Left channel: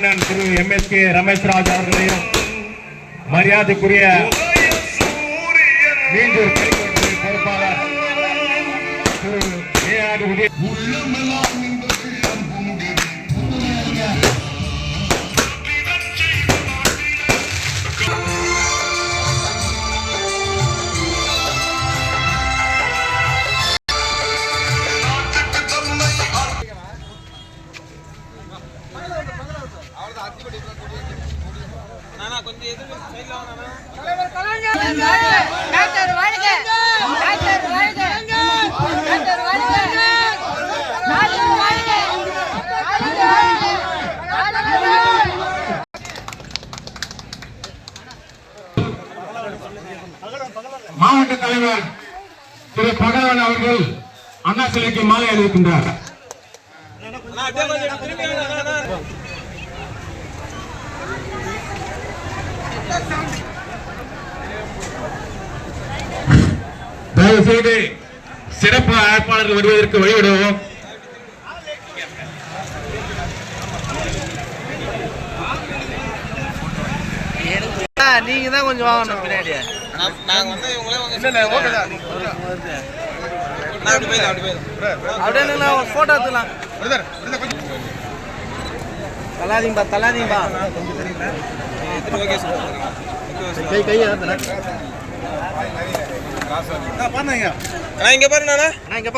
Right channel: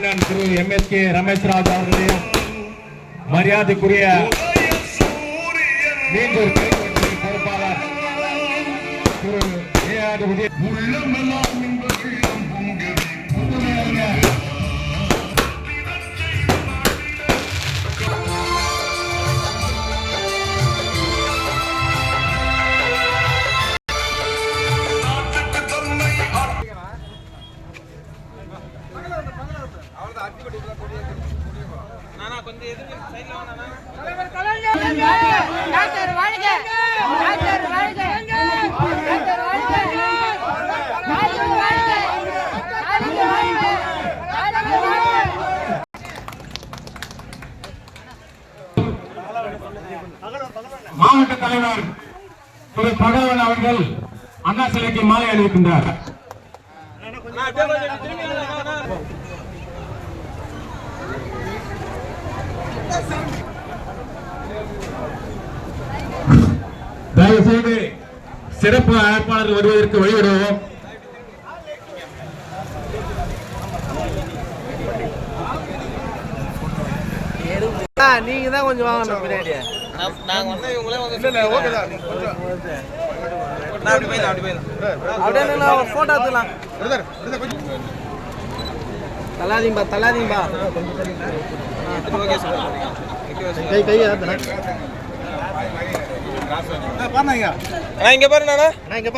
அண்ணன் திரு M S K Ramesh Raj அவர்களையும் மரியாதைக்குரிய மீண்டும் கைப்பற்றி பொறுப்பாளர் திரு ஏஆர் உதய டாக்டர் வாழ்க டாக்டர் வாழ்க டாக்டர் வாழ்க ஸ்டாலின் வாழ்க ஸ்டாலின் வாழ்க ஸ்டாலின் வாழ்க மாவட்ட தலைவர் திரு பகலவன் அவர்கள் அண்ணா சிலைக்கு மாலை அணிவிக்கின்றார். தயவு செய்து சிறப்பு அழைப்பாளர்கள் வருவதற்கு வழிவிடுவோம். நீங்க தான் கொஞ்சம் வாங்கணும் பின்னாடி அப்படியே போட்டோ எடுத்துலாம் தள்ளாதீங்கப்பா தள்ளாதீங்கப்பா ஓகே சார். கை கையா பண்ணுங்க நான் இங்கே பாருங்கண்ணா நான் இங்கே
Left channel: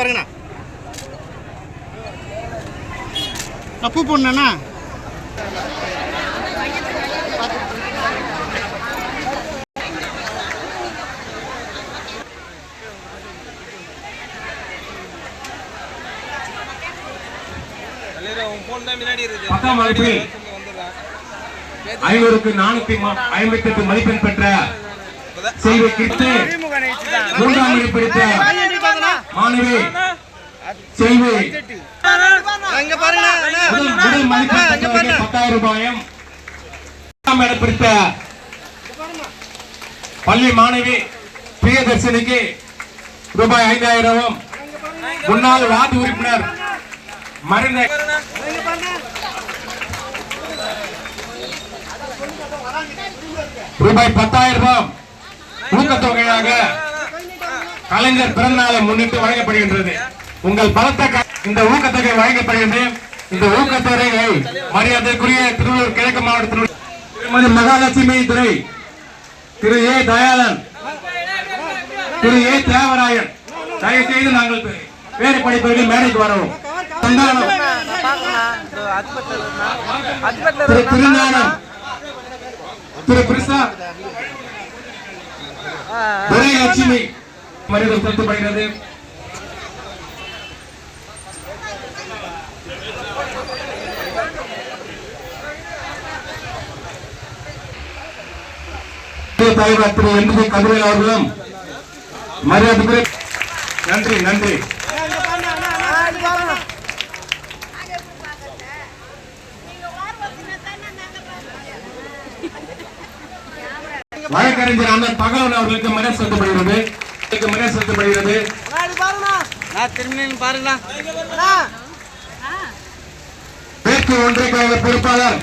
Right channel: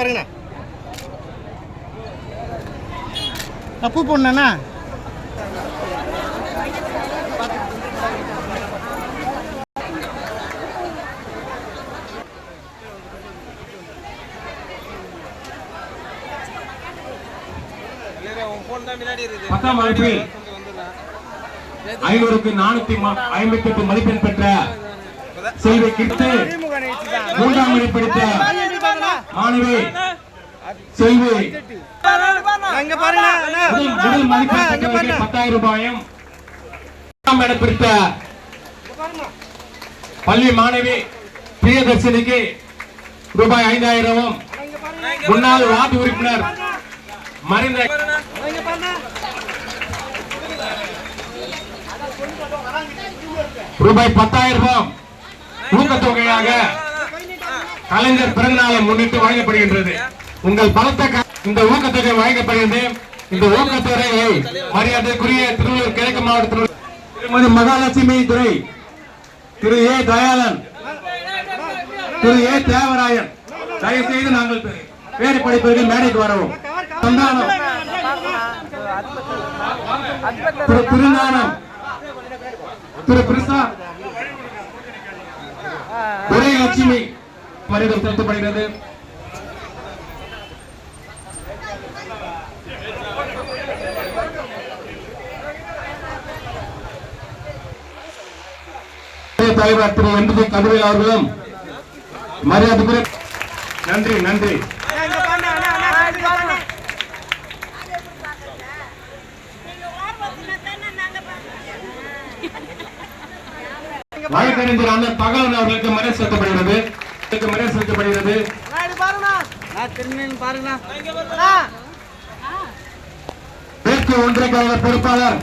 பத்தாம் வகுப்பில் ஐநூறுக்கு நானூத்தி ஐம்பத்தி எட்டு மதிப்பெண் பெற்ற செய்தி கிட்டு மூன்றாம் நிலை படித்த மாணவி அண்ணா. முதல் முதல் மதிப்பெண் பத்தாயிரம் ரூபாயும். இரண்டாம் இடம் பிடித்த பள்ளி மாணவி பிரியதர்ஷினிக்கு ரூபாய் ஐந்தாயிரமும். முன்னாள் வார்டு உறுப்பினர் மறைந்த ரூபாய் பத்தாயிரம் ரூபாய் ஊக்கத்தொகையாக கலைஞர் பிறந்த நாளை முன்னிட்டு வழங்கப்படுகின்றது. உங்கள் பலத்த இந்த ஊக்கத்தொகை வழங்கப்படுகிறது. இந்த ஊக்கத்தொகையை மரியாதைக்குரிய திருவள்ளூர் கிழக்கு மாவட்டத்தில் திருமதி மகாலட்சுமி துறை திரு ஏ தயாளன் திரு ஏ தேவராயன் தயவு செய்து நாங்கள் வேறு படிப்பவர்கள் மேடைக்கு வரவும். திரு திருஞானம். திரு கிருஷ்ணா ஒரே லட்சுமி மரியாதை செலுத்தப்படுகிறது தலைவர் திரு என் கதிரை அவர்களும் மரியாதை நன்றி நன்றி. வழக்கறிஞர் அந்த பகவன் அவர்களுக்கு மன செலுத்தப்படுகிறது. மன செலுத்தப்படுகிறது. பேச்சு ஒன்றைக்காக பொறுப்பாளர்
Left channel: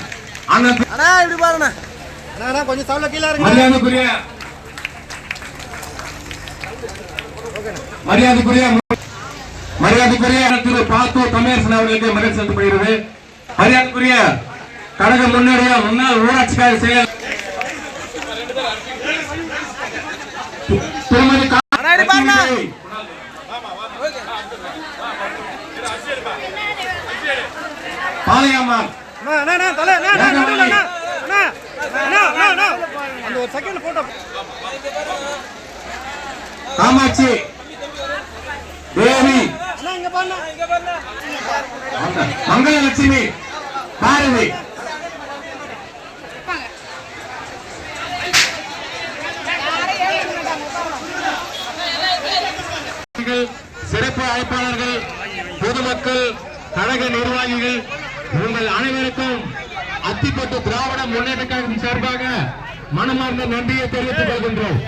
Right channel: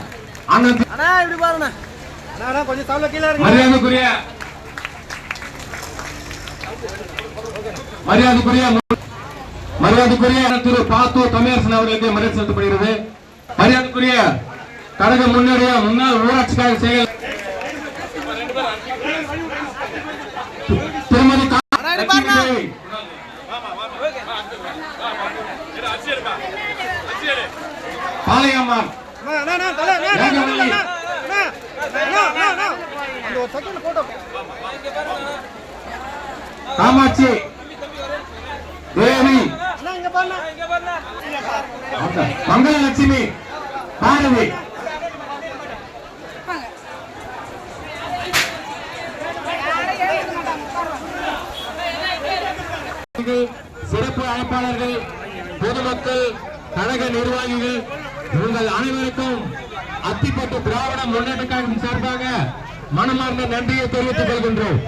கொஞ்சம் சவுல கீழே மரியாதைக்குரிய மரியாதைக்குரிய மரியாதைக்குரிய திரு அவர்களுக்கு மரியாதை மரியாதைக்குரிய கழக முன்னேறிய முன்னாள் ஊராட்சி கழக செயலர் திருமதி பாளையம்மாள். காமாட்சி. தேவி. மங்களலட்சுமி பாரதி. சிறப்பு அழைப்பாளர்கள் பொதுமக்கள் கழக நிர்வாகிகள் உங்கள் அனைவருக்கும் அத்திப்பட்டு திராவிட முன்னேற்ற கழகம் சார்பாக மனமார்ந்த நன்றியை தெரிவித்துக் கொள்கின்றோம்.